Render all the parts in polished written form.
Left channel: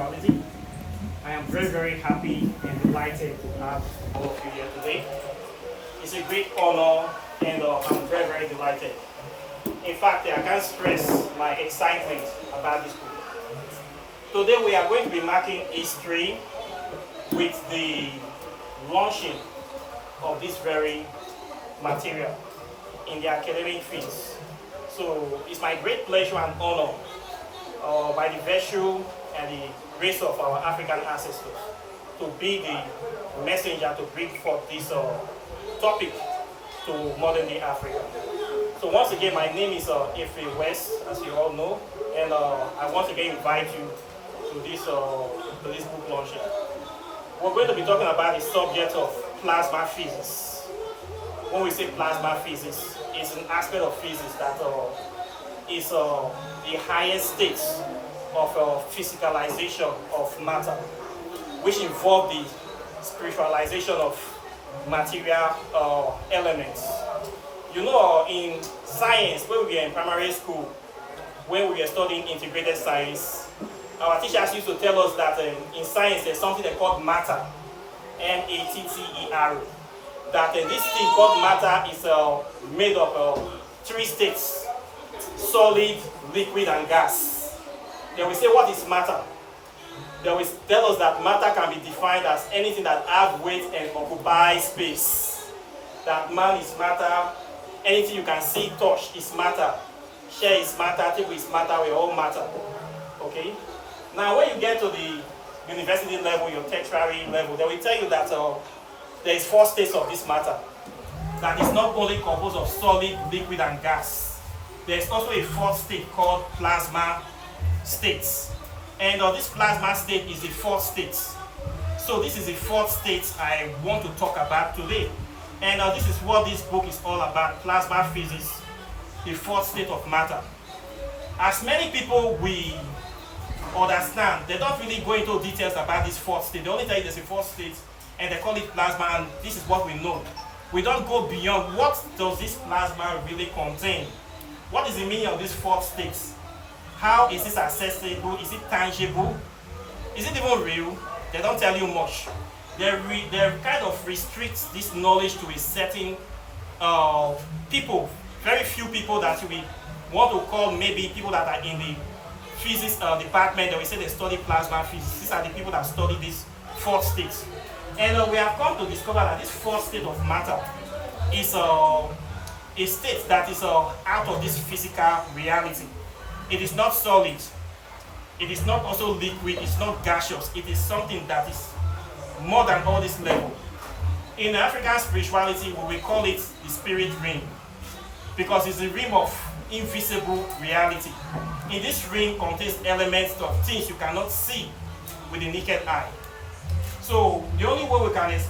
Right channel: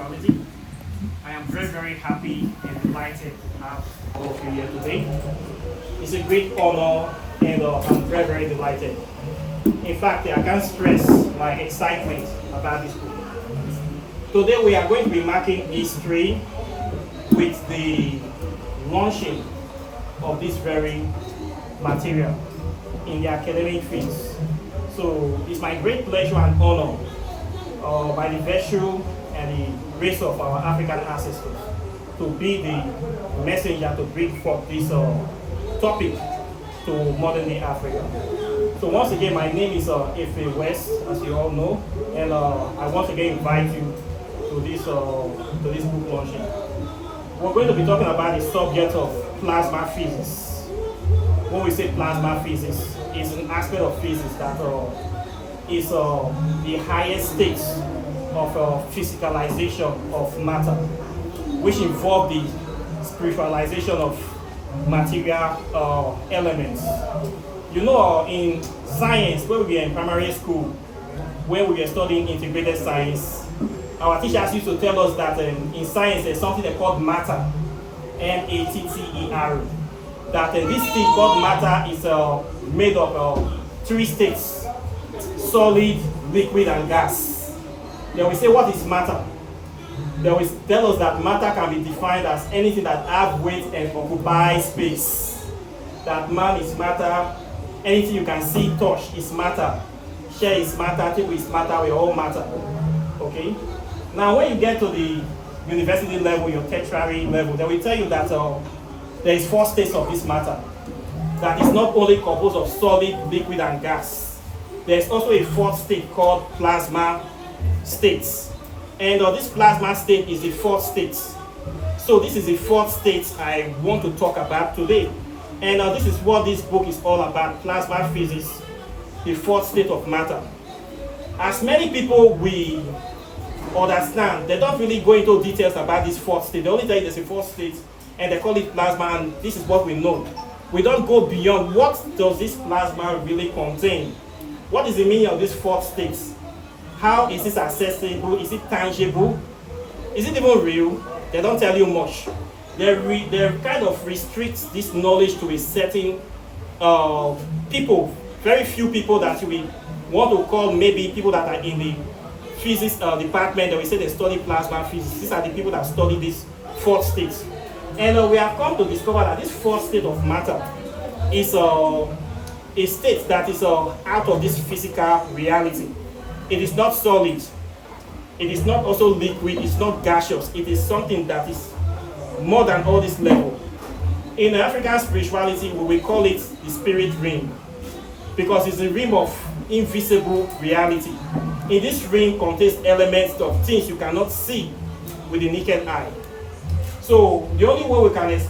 spirituality. I am very, very happy and delighted to have all of you here today. It's a great honor and I'm very, very delighted. In fact, I can't stress my excitement about this book. Today we are going to be marking history with the launching of this very material in the academic fields. So it's my great pleasure and honor by the virtue and the grace of our African ancestors to be the messenger to bring forth this topic to modern day Africa. So once again, my name is Efe West, as you all know, and I once again invite you to this book launching. We're going to be talking about the subject of plasma physics. When we say plasma physics, it's an aspect of physics that is the highest state of physicalization of matter, which involve the spiritualization of material elements. You know, in science, when we were in primary school, when we were studying integrated science, our teachers used to tell us that in science there's something they call matter, M-A-T-T-E-R. That this thing called matter is made of three states: solid, liquid, and gas. They will say, what is matter? They will tell us that matter can be defined as anything that have weight and occupy space. That man is matter, anything you can see, touch is matter, share is matter, table is matter, we all matter. Okay? Now when you get to the university level, your tertiary level, they will tell you that there is four states of this matter. That is not only composed of solid, liquid, and gas. There is also a fourth state called plasma states. And this plasma state is the fourth state. So this is the fourth state I want to talk about today. And this is what this book is all about: plasma physics, the fourth state of matter. As many people we understand, they don't really go into details about this fourth state. They only tell you there's a fourth state and they call it plasma, and this is what we know. We don't go beyond what does this plasma really contain. What is the meaning of this fourth state? How is this accessible? Is it tangible? Is it even real? They don't tell you much. They kind of restrict this knowledge to a certain people, very few people that we want to call maybe people that are in the physics department, that we say they study plasma physics. These are the people that study this fourth state. And we have come to discover that this fourth state of matter is a state that is out of this physical reality. It is not solid. It is not also liquid. It's not gaseous. It is something that is more than all this level. In African spirituality, we will call it the spirit realm, because it's a realm of invisible reality. In this realm contains elements of things you cannot see with the naked eye. So the only way we can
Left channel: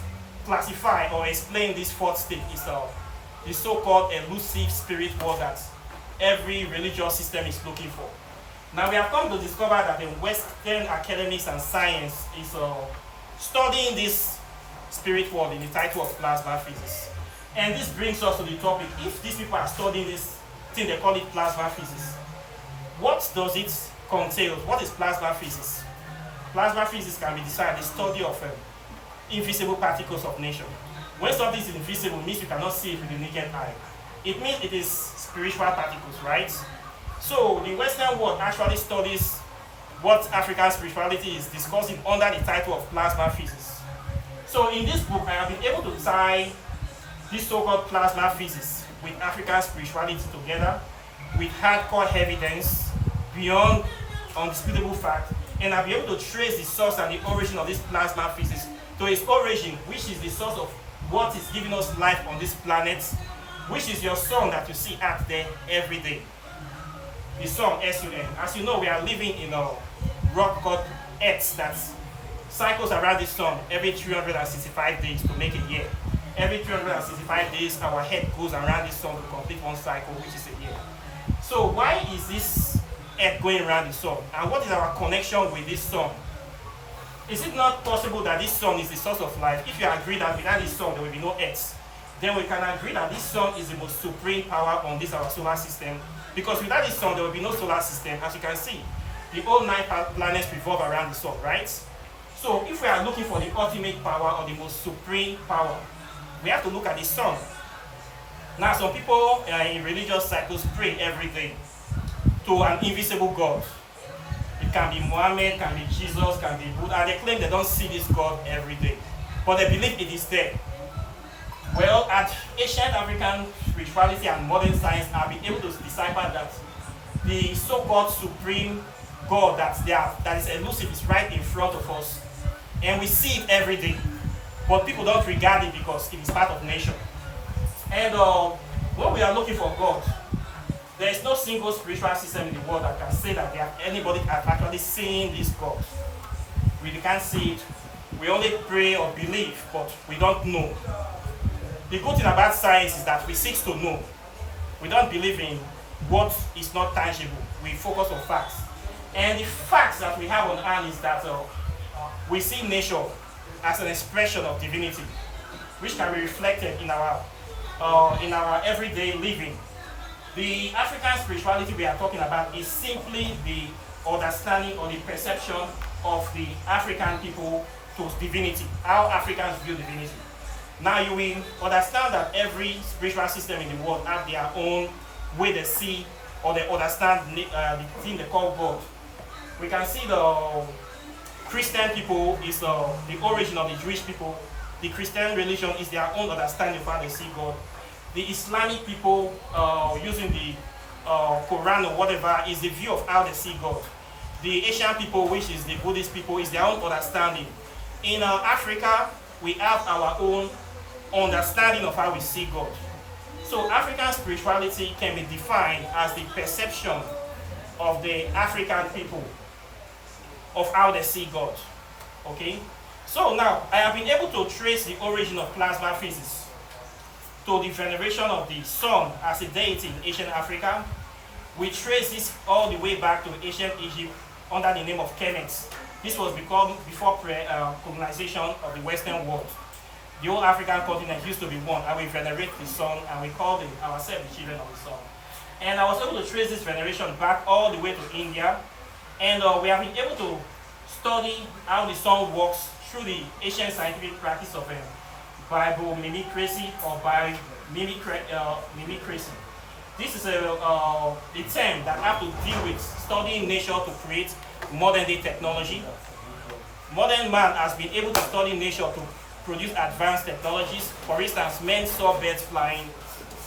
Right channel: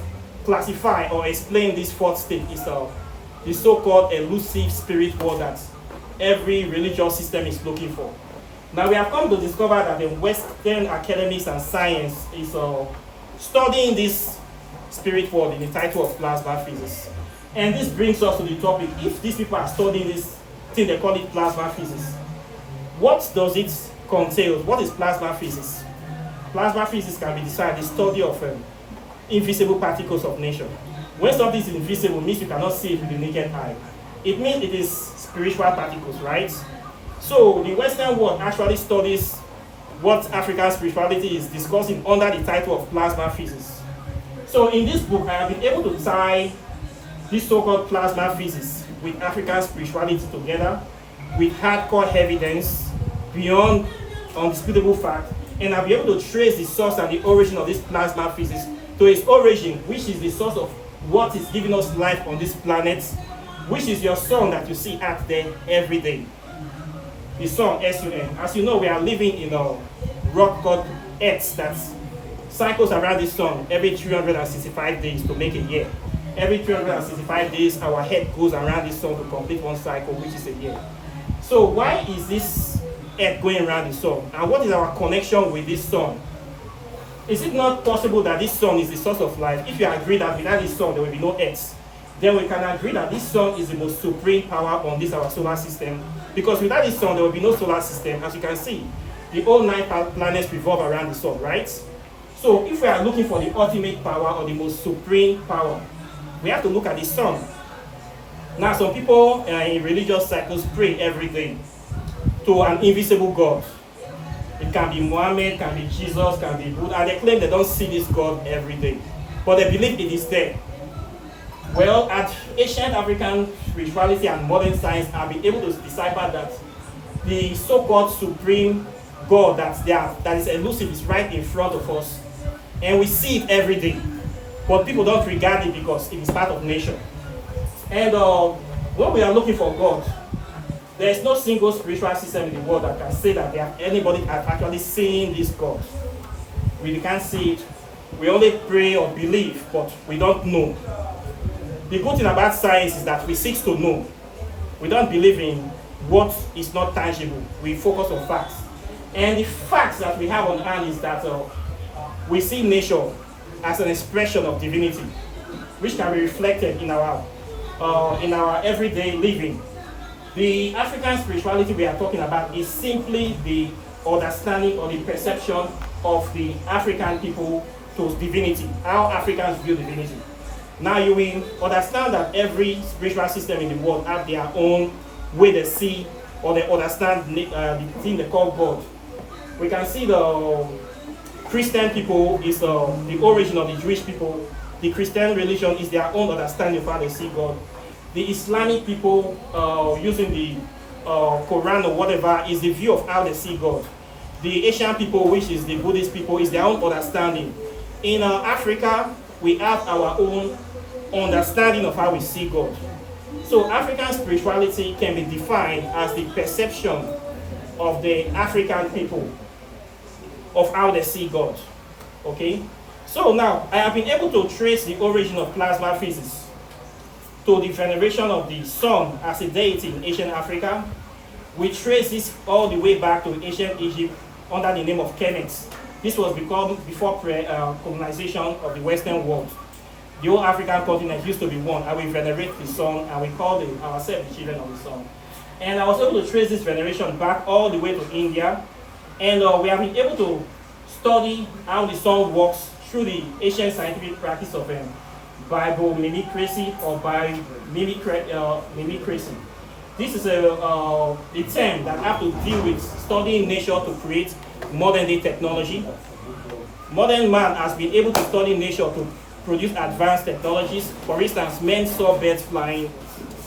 classify or explain this fourth state is the so-called elusive spirit world that every religious system is looking for. Now we have come to discover that the Western academics and science is studying this spirit world in the title of plasma physics. And this brings us to the topic: if these people are studying this thing, they call it plasma physics, what does it contain? What is plasma physics? Plasma physics can be described as the study of invisible particles of nature. When something is invisible, it means you cannot see it with the naked eye. It means it is spiritual particles, right? So the Western world actually studies what African spirituality is discussing under the title of plasma physics. So in this book, I have been able to tie this so-called plasma physics with African spirituality together, with hardcore evidence beyond undisputable fact, and I'll be able to trace the source and the origin of this plasma physics to its origin, which is the source of what is giving us life on this planet, which is your sun that you see out there every day. The sun, S-U-N. As you know, we are living in a rock called Earth that cycles around the sun every 365 days to make a year. Every 365 days, our head goes around the sun to complete one cycle, which is a year. So why is this Earth going around the sun? And what is our connection with this sun? Is it not possible that this sun is the source of life? If you agree that without this sun there will be no Earth, then we can agree that this sun is the most supreme power on this our solar system. Because without this sun there will be no solar system. As you can see, the whole nine planets revolve around the sun, right? So if we are looking for the ultimate power or the most supreme power, we have to look at the sun. Now, some people in religious cycles pray every day to an invisible God. It can be Muhammad, can be Jesus, can be Buddha, and they claim they don't see this God every day, but they believe it is there. Well, at ancient African spirituality and modern science have been able to decipher that the so-called supreme God that is elusive is right in front of us, and we see it every day, but people don't regard it because it is part of nature. And when we are looking for God, there is no single spiritual system in the world that can say that anybody has actually seen this God. We can't see it. We only pray or believe, but we don't know. The good thing about science is that we seek to know. We don't believe in what is not tangible. We focus on facts. And the facts that we have on hand is that we see nature as an expression of divinity, which can be reflected in our everyday living. The African spirituality we are talking about is simply the understanding or the perception of the African people to divinity, how Africans view divinity. Now you will understand that every spiritual system in the world have their own way they see or they understand the thing they call God. We can see the Christian people is the origin of the Jewish people. The Christian religion is their own understanding of how they see God. The Islamic people using the Quran or whatever is the view of how they see God. The Asian people, which is the Buddhist people, is their own understanding. In Africa, we have our own understanding of how we see God. So African spirituality can be defined as the perception of the African people of how they see God. Okay? So now, I have been able to trace the origin of plasma physics to the veneration of the sun as a deity in ancient Africa. We trace this all the way back to ancient Egypt under the name of Kemet. This was before colonization of the Western world. The whole African continent used to be one, and we venerate the sun, and we call ourselves the children of the sun. And I was able to trace this veneration back all the way to India, and we have been able to study how the sun works through the ancient scientific practice of biomimicry or biomimicry. This is a term that has to deal with studying nature to create modern day technology. Modern man has been able to study nature to produce advanced technologies. For instance, men saw birds flying,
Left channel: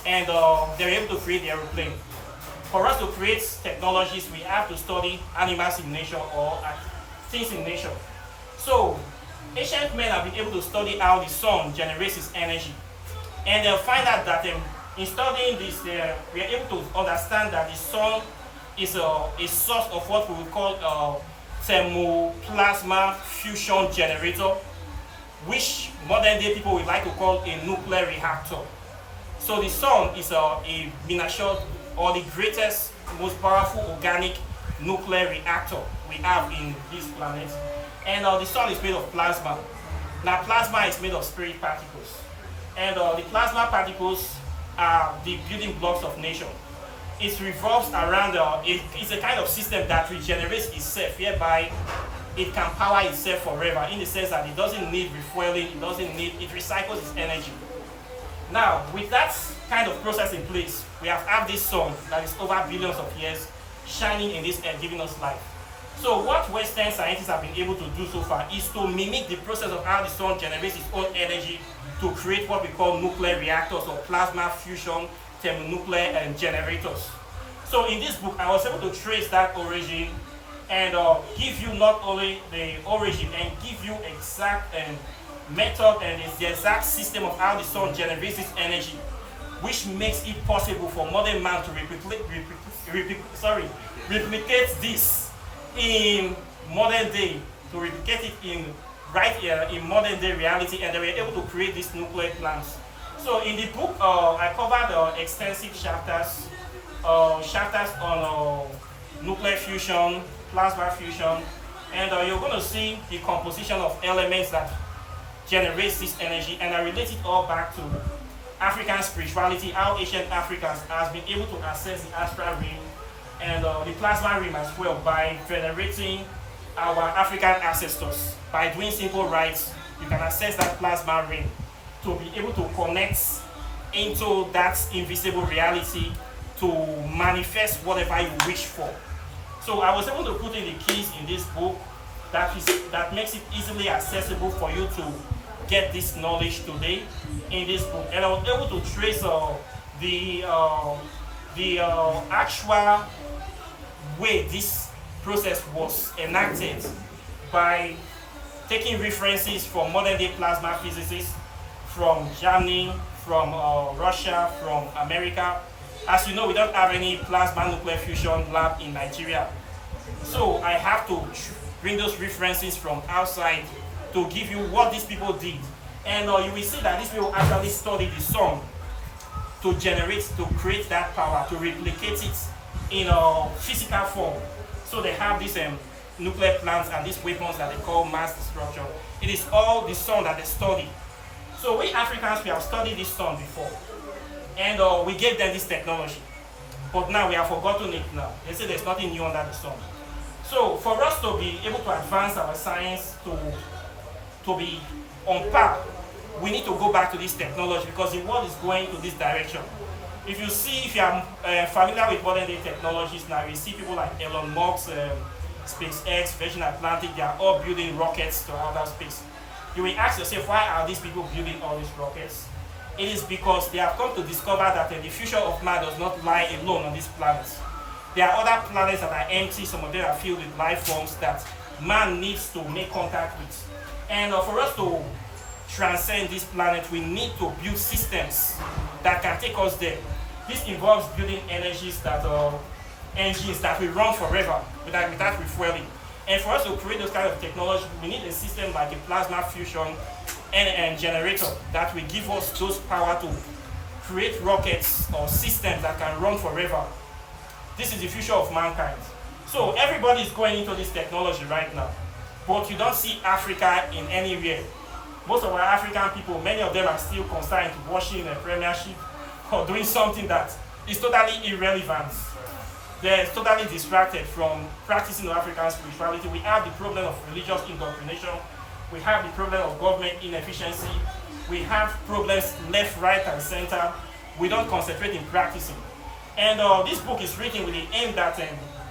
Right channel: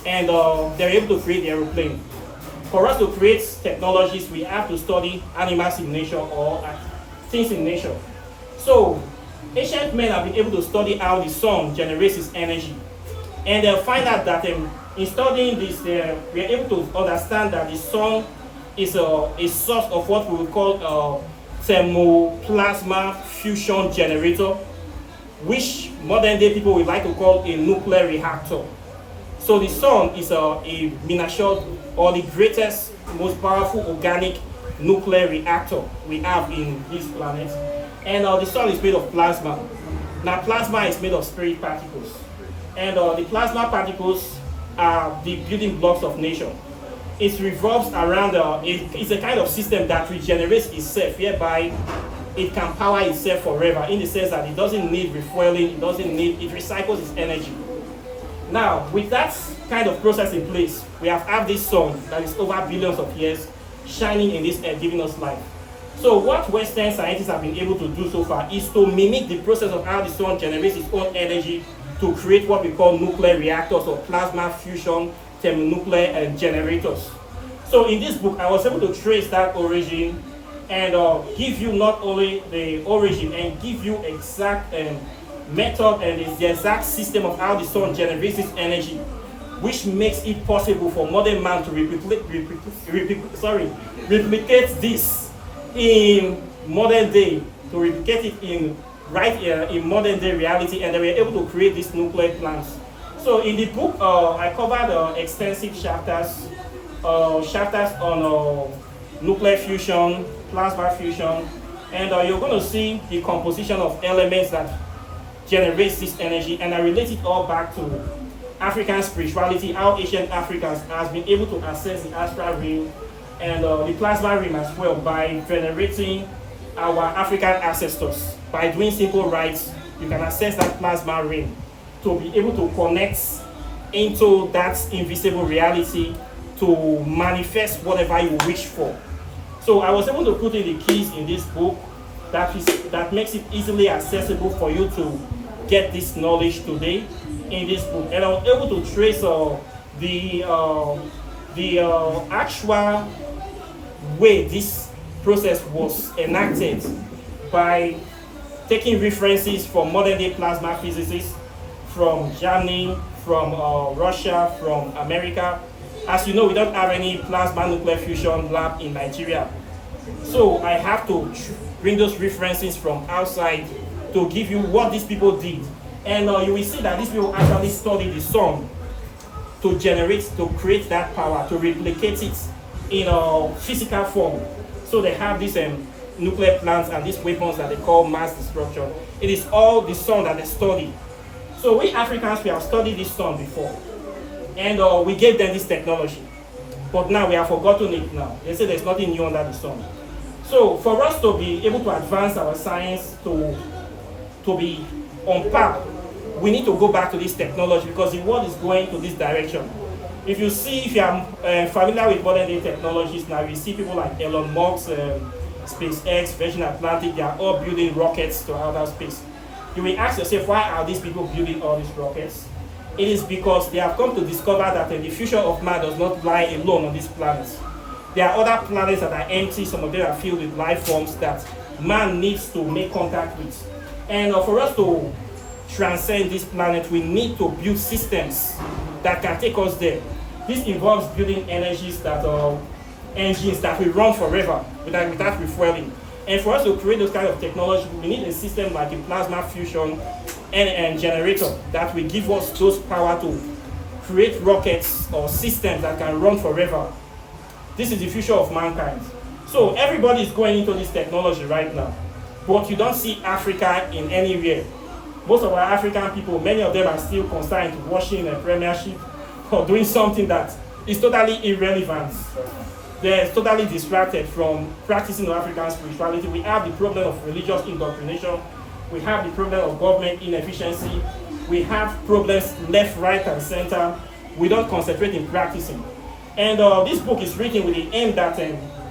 and they're able to create the aeroplane. For us to create technologies, we have to study animals in nature or things in nature. So, ancient men have been able to study how the sun generates its energy. And they'll find out that in studying this, we are able to understand that the sun is a source of what we will call a thermoplasma fusion generator, which modern day people would like to call a nuclear reactor. So the sun is a miniature or the greatest, most powerful organic nuclear reactor we have in this planet. And the sun is made of plasma. Now plasma is made of spirit particles. And the plasma particles are the building blocks of nature. It revolves around, it's a kind of system that regenerates itself, whereby it can power itself forever, in the sense that it doesn't need refueling, it recycles its energy. Now, with that kind of process in place, we have this sun that is over billions of years shining in this earth, giving us life. So what Western scientists have been able to do so far is to mimic the process of how the sun generates its own energy to create what we call nuclear reactors or plasma fusion thermonuclear generators. So in this book, I was able to trace that origin and give you not only the origin and give you exact method and the exact system of how the sun generates its energy, which makes it possible for modern man to replicate this in modern day, to replicate it in modern day reality, and they were able to create these nuclear plants. So in the book, I covered extensive chapters on nuclear fusion, plasma fusion, and you're going to see the composition of elements that generates this energy, and I relate it all back to African spirituality, how ancient Africans has been able to access the astral realm and the plasma ring as well by venerating our African ancestors. By doing simple rites, you can access that plasma ring to be able to connect into that invisible reality to manifest whatever you wish for. So I was able to put in the keys in this book that makes it easily accessible for you to get this knowledge today in this book. And I was able to trace the actual way this process was enacted by taking references from modern day plasma physicists from Germany, from Russia, from America. As you know, we don't have any plasma nuclear fusion lab in Nigeria. So I have to bring those references from outside to give you what these people did. And you will see that these people actually study the sun to create that power, to replicate it in a physical form. So they have these nuclear plants and these weapons that they call mass destruction. It is all the sun that they study. So we Africans, we have studied this sun before. And we gave them this technology. But now we have forgotten it now. They say there's nothing new under the sun. So for us to be able to advance our science to be on par, we need to go back to this technology because the world is going to this direction. If you are familiar with modern day technologies now, you see people like Elon Musk, SpaceX, Virgin Atlantic, they are all building rockets to outer space. You will ask yourself, why are these people building all these rockets? It is because they have come to discover that the future of man does not lie alone on this planet. There are other planets that are empty, some of them are filled with life forms that man needs to make contact with. And for us to transcend this planet, we need to build systems that can take us there. This involves building engines that will run forever without refueling. And for us to create those kind of technology, we need a system like a plasma fusion and generator that will give us those power to create rockets or systems that can run forever. This is the future of mankind. So everybody is going into this technology right now, but you don't see Africa in anywhere. Most of our African people, many of them are still concerned with watching a premiership or doing something that is totally irrelevant. They're totally distracted from practicing African spirituality. We have the problem of religious indoctrination. We have the problem of government inefficiency. We have problems left, right, and center. We don't concentrate in practicing. And this book is written with the aim that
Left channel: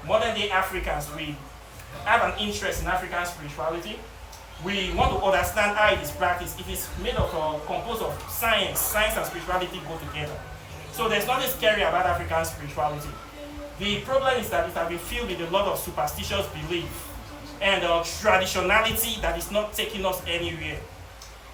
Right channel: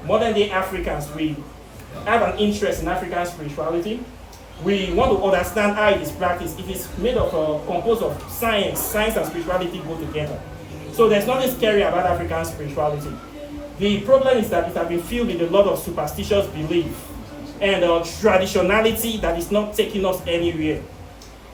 modern day Africans, we have an interest in African spirituality. We want to understand how it is practiced. It is made of composed of science. Science and spirituality go together. So there's nothing scary about African spirituality. The problem is that it has been filled with a lot of superstitious belief and traditionality that is not taking us anywhere.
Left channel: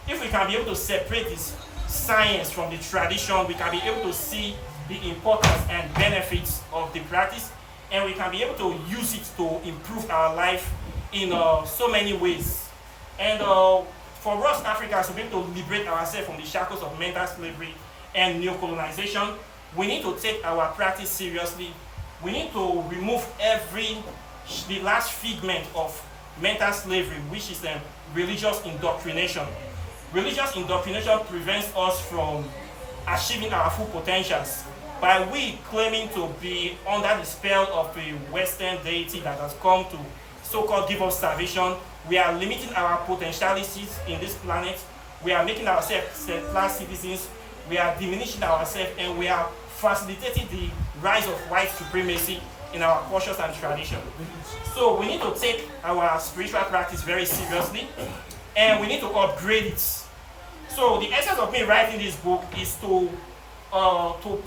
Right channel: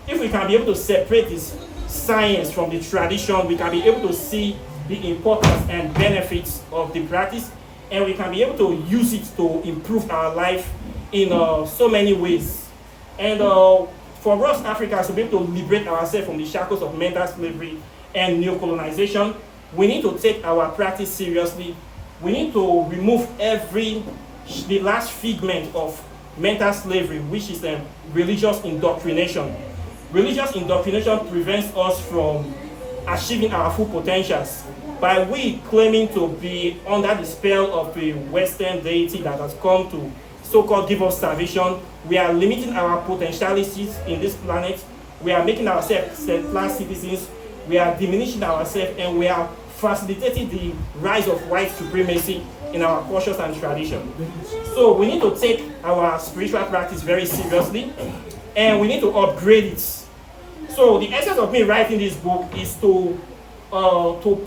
If we can be able to separate this science from the tradition, we can be able to see the importance and benefits of the practice, and we can be able to use it to improve our life in so many ways. And for us Africans to be able to liberate ourselves from the shackles of mental slavery and neo-colonization, we need to take our practice seriously. We need to remove the last figment of mental slavery, which is religious indoctrination. Religious indoctrination prevents us from achieving our full potentials. By we claiming to be under the spell of a Western deity that has come to so-called give us salvation, we are limiting our potentialities in this planet. We are making ourselves second-class citizens. We are diminishing ourselves, and we are facilitating the rise of white supremacy in our cultures and tradition. So we need to take our spiritual practice very seriously, and we need to upgrade it. So the essence of me writing this book is to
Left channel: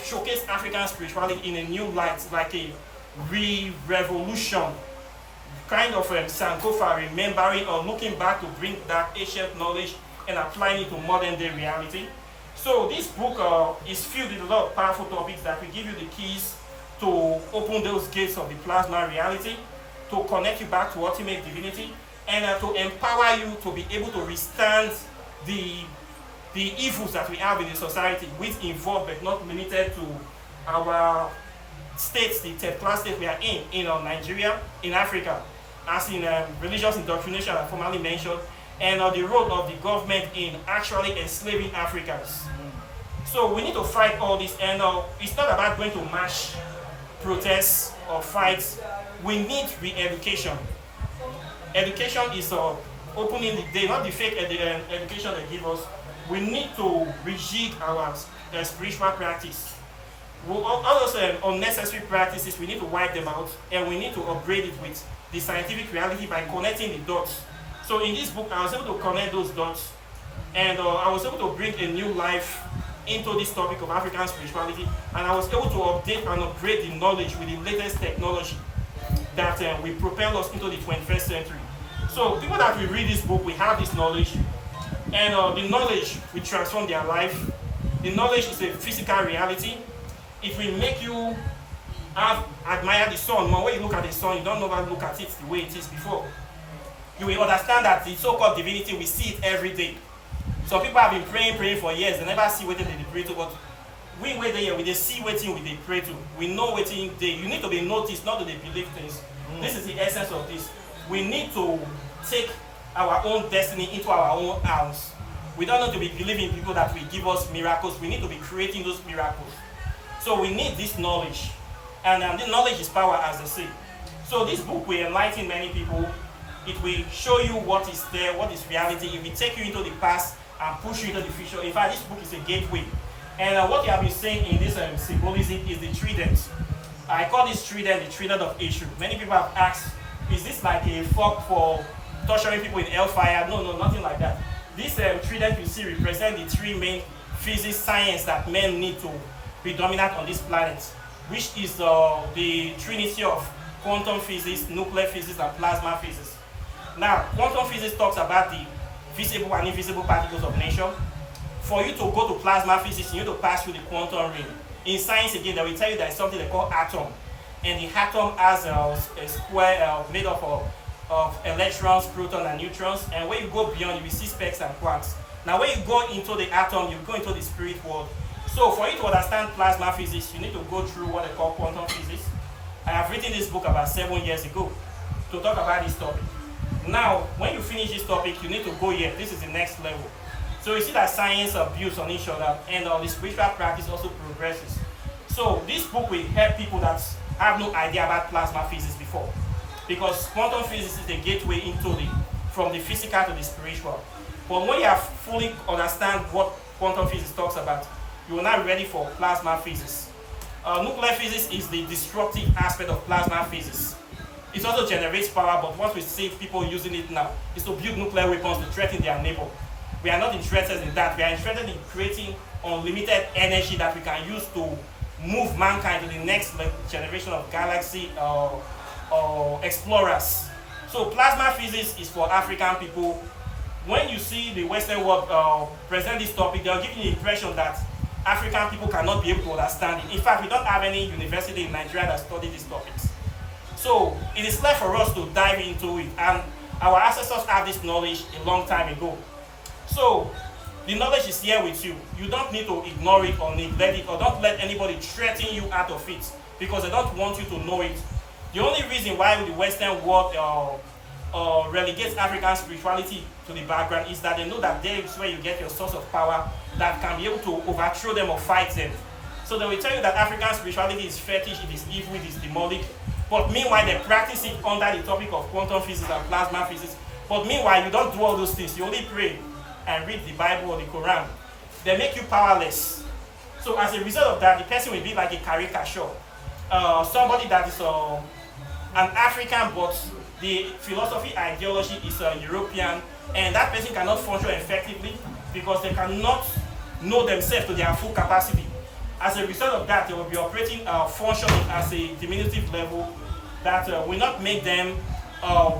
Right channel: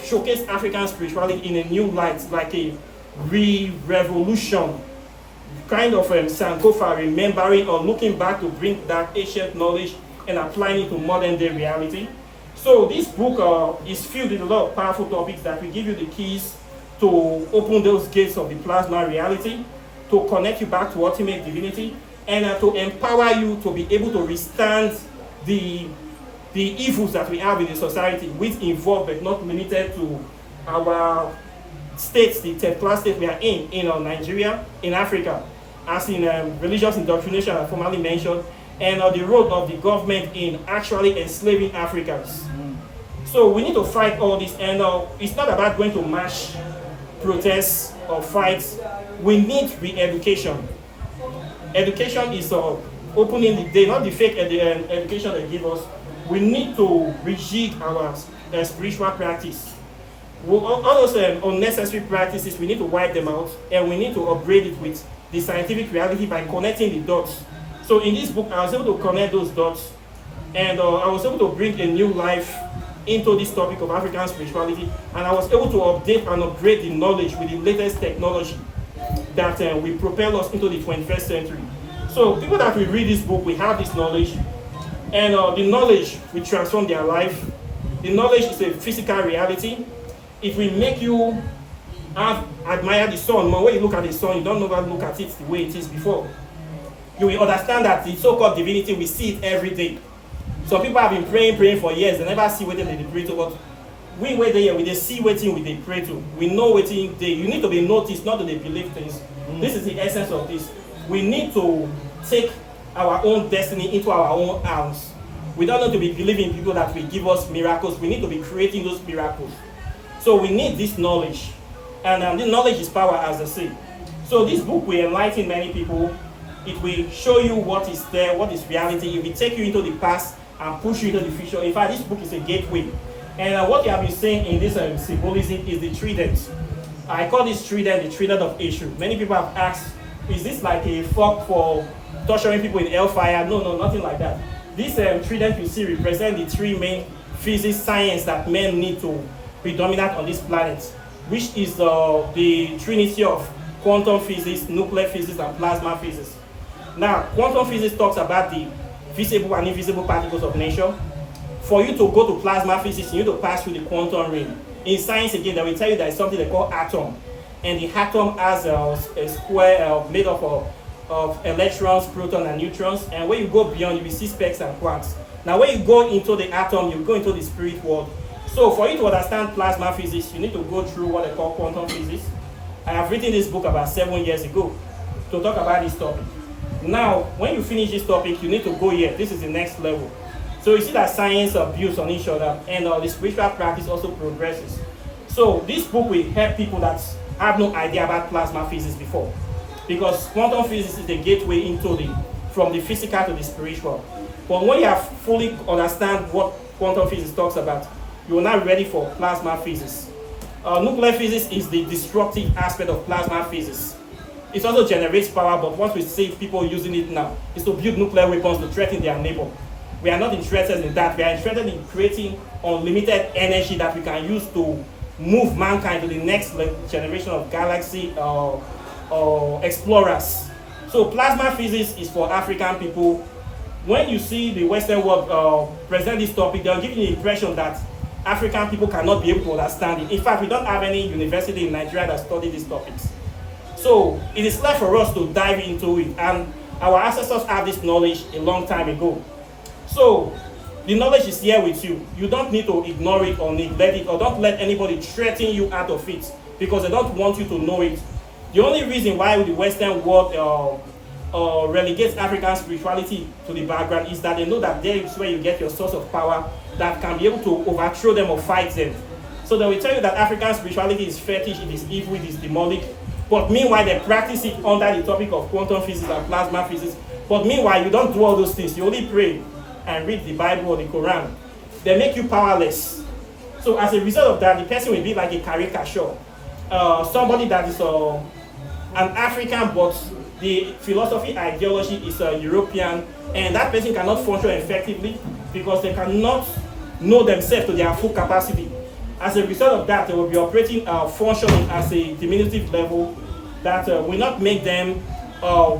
showcase African spirituality in a new light, like a revolution, kind of Sankofa, remembering or looking back to bring that ancient knowledge and applying it to modern day reality. So this book is filled with a lot of powerful topics that will give you the keys to open those gates of the plasma reality, to connect you back to ultimate divinity, and to empower you to be able to withstand the evils that we have in the society, which involve but not limited to our states, the third-class state we are in Nigeria, in Africa, as in religious indoctrination I formerly mentioned, and the role of the government in actually enslaving Africans. So we need to fight all this, and it's not about going to march, protests, fights, we need re-education. Education is opening the day, not the fake education they give us. We need to rejig our spiritual practice. All those unnecessary practices, we need to wipe them out, and we need to upgrade it with the scientific reality by connecting the dots. So in this book, I was able to connect those dots, and I was able to bring a new life into this topic of African spirituality, and I was able to update and upgrade the knowledge with the latest technology that will propel us into the 21st century. So people that will read this book, we have this knowledge, and the knowledge will transform their life. The knowledge is a physical reality. It will make you admire the sun. When you look at the sun, you don't never look at it the way it is before. You will understand that the so-called divinity, we see it every day. Some people have been praying for years, they never see what they pray to, but we wait there, we see waiting we they pray to. We know waiting they. You need to be noticed, not that they believe things. This is the essence of this. We need to take our own destiny into our own hands. We don't need to be believing people that will give us miracles. We need to be creating those miracles. So we need this knowledge. And this knowledge is power, as I say. So this book will enlighten many people. It will show you what is there, what is reality. It will take you into the past and push you into the future. In fact, this book is a gateway. And what you have been saying in this symbolism is the trident. I call this trident the trident of Eshu. Many people have asked, is this like a fork for torturing people in hellfire? No, nothing like that. This trident you see represents the three main physics science that men need to predominate on this planet, which is the trinity of quantum physics, nuclear physics, and plasma physics. Now, quantum physics talks about the visible and invisible particles of nature. For you to go to plasma physics, you need to pass through the quantum ring. In science, again, they will tell you there is something they call atom. And the atom has a square made up of electrons, protons, and neutrons. And when you go beyond, you will see specks and quarks. Now, when you go into the atom, you go into the spirit world. So for you to understand plasma physics, you need to go through what they call quantum physics. I have written this book about 7 years ago to talk about this topic. Now, when you finish this topic, you need to go here. This is the next level. So you see that science builds on each other, and the spiritual practice also progresses. So this book will help people that have no idea about plasma physics before, because quantum physics is the gateway from the physical to the spiritual. But when you have fully understand what quantum physics talks about, you are now ready for plasma physics. Nuclear physics is the destructive aspect of plasma physics. It also generates power, but what we see people using it now is to build nuclear weapons to threaten their neighbor. We are not interested in that. We are interested in creating unlimited energy that we can use to move mankind to the next generation of galaxy or explorers. So plasma physics is for African people. When you see the Western world present this topic, they'll give you the impression that African people cannot be able to understand it. In fact, we don't have any university in Nigeria that study these topics. So it is left for us to dive into it. And our ancestors had this knowledge a long time ago. So the knowledge is here with you. You don't need to ignore it or neglect it, or don't let anybody threaten you out of it, because they don't want you to know it. The only reason why the Western world relegates African spirituality to the background is that they know that there is where you get your source of power that can be able to overthrow them or fight them. So they will tell you that African spirituality is fetish, it is evil, it is demonic. But meanwhile, they practice it under the topic of quantum physics and plasma physics. But meanwhile, you don't do all those things. You only pray and read the Bible or the Quran. They make you powerless. So as a result of that, the person will be like a caricature. Somebody that is an African, but the philosophy ideology is European, and that person cannot function effectively because they cannot know themselves to their full capacity. As a result of that, they will be operating, functioning as a diminutive level that will not make them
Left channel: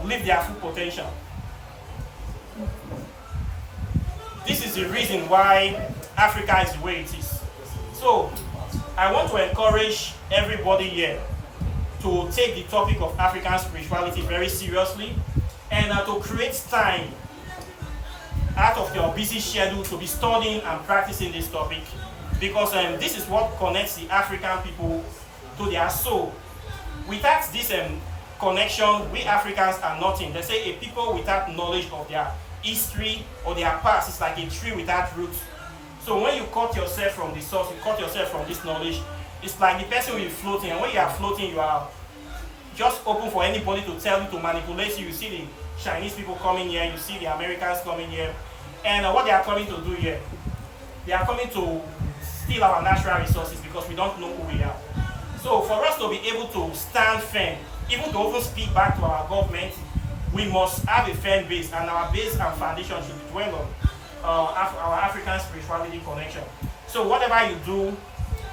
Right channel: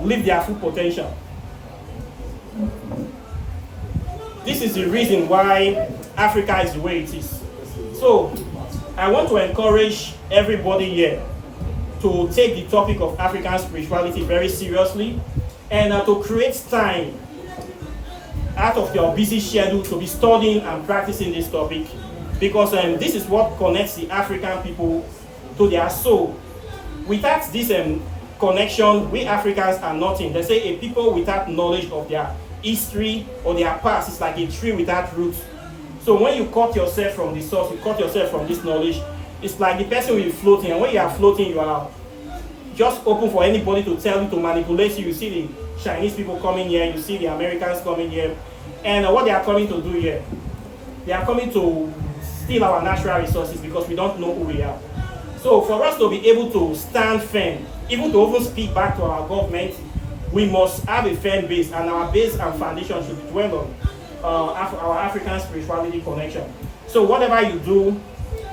live their full potential. This is the reason why Africa is the way it is. So, I want to encourage everybody here to take the topic of African spirituality very seriously, and to create time out of your busy schedule to be studying and practicing this topic, because this is what connects the African people to their soul. Without this connection, we Africans are nothing. They say a people without knowledge of their history or their past is like a tree without roots. So when you cut yourself from the source, you cut yourself from this knowledge, it's like the person will be floating, and when you are floating, you are just open for anybody to tell you, to manipulate you. You see the Chinese people coming here, you see the Americans coming here, and what they are coming to do here, they are coming to steal our natural resources because we don't know who we are. So for us to be able to stand firm, even to even speak back to our government, we must have a firm base, and our base and foundation should be dwell on our African spirituality connection. So whatever you do,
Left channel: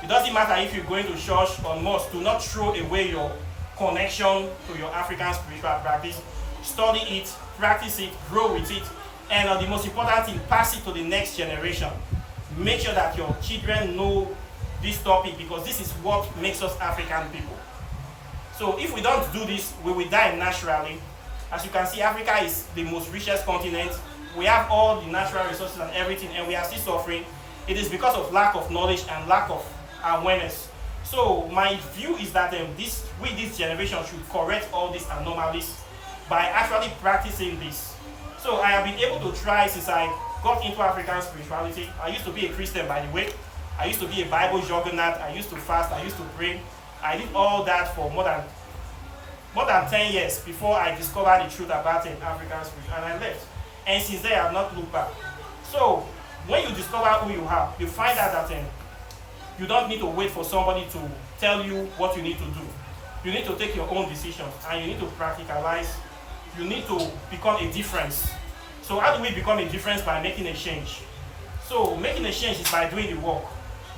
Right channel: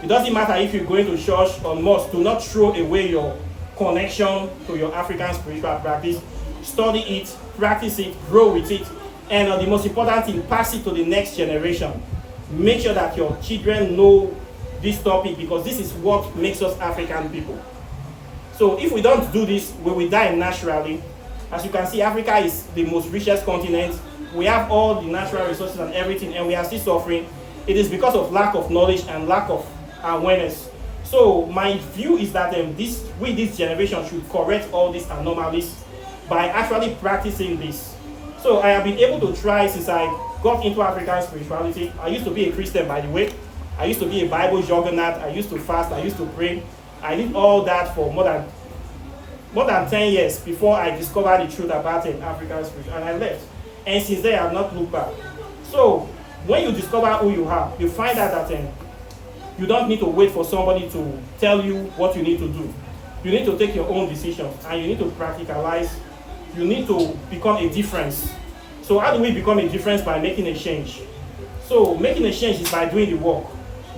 it doesn't matter if you're going to church or mosque, do not throw away your connection to your African spiritual practice. Study it, practice it, grow with it, and the most important thing, pass it to the next generation. Make sure that your children know this topic, because this is what makes us African people. So if we don't do this, we will die naturally. As you can see, Africa is the most richest continent. We have all the natural resources and everything, and we are still suffering. It is because of lack of knowledge and lack of awareness. So my view is that this generation should correct all these anomalies by actually practicing this. So I have been able to try since I got into African spirituality. I used to be a Christian, by the way. I used to be a Bible juggernaut. I used to fast. I used to pray. I did all that for more than 10 years before I discovered the truth about African spirituality, and I left. And since then, I have not looked back. So when you discover who you are, you find out that you don't need to wait for somebody to tell you what you need to do. You need to take your own decisions, and you need to practicalize. You need to become a difference. So how do we become a difference? By making a change. So making a change is by doing the work.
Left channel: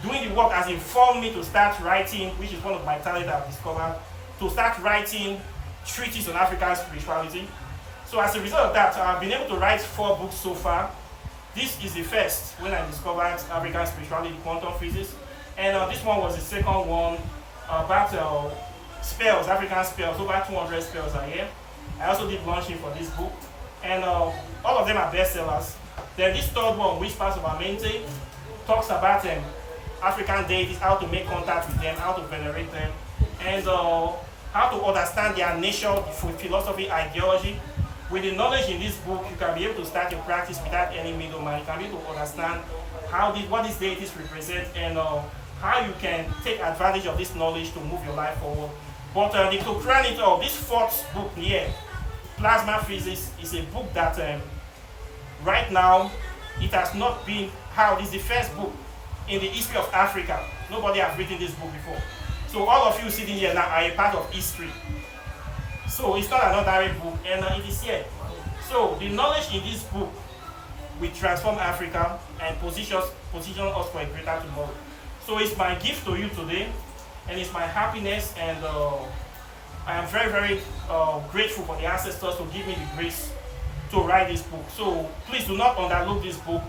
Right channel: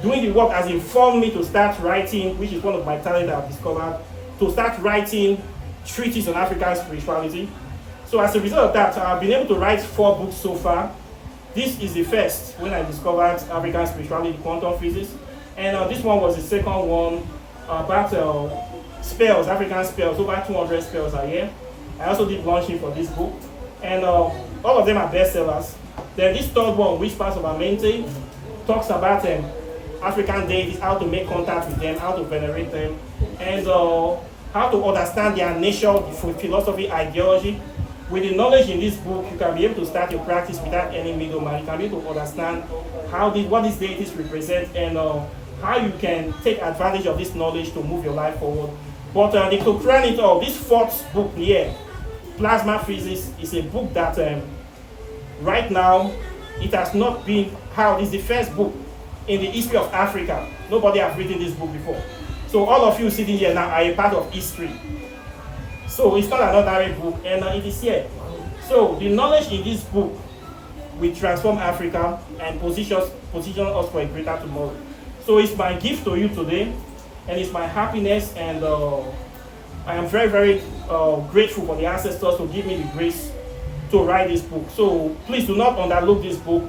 Doing the work has informed me to start writing, which is one of my talents I've discovered, to start writing treatises on African spirituality. So as a result of that, I've been able to write 4 books so far. This is the first when I discovered African spirituality, quantum physics. And this one was the second one about spells, African spells, over 200 spells a year. I also did launching for this book. And all of them are bestsellers. Then this third one, Whispers of Amenti, talks about African deities, how to make contact with them, how to venerate them, and how to understand their nature, philosophy, ideology. With the knowledge in this book, you can be able to start your practice without any middleman. You can be able to understand what these deities represent, and how you can take advantage of this knowledge to move your life forward. But to crown it all, this 4th book here, Plasma Physics, is a book that right now, it has not been out. It's the first book in the history of Africa. Nobody has written this book before. So all of you sitting here now are a part of history. So it's not an ordinary book, and it is here. So the knowledge in this book will transform Africa and position us for a greater tomorrow. So it's my gift to you today, and it's my happiness, and I am very, very grateful for the ancestors to give me the grace to write this book. So please do not underlook this book.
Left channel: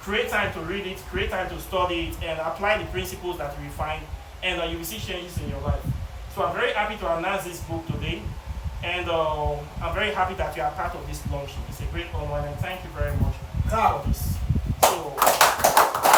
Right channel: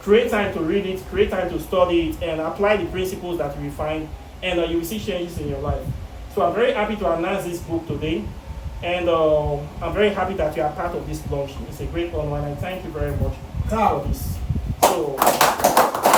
Create time to read it, create time to study it, and apply the principles that you will find, and you will see changes in your life. So I'm very happy to announce this book today, and I'm very happy that you are part of this launch. It's a great honor, and I thank you very much for this. So.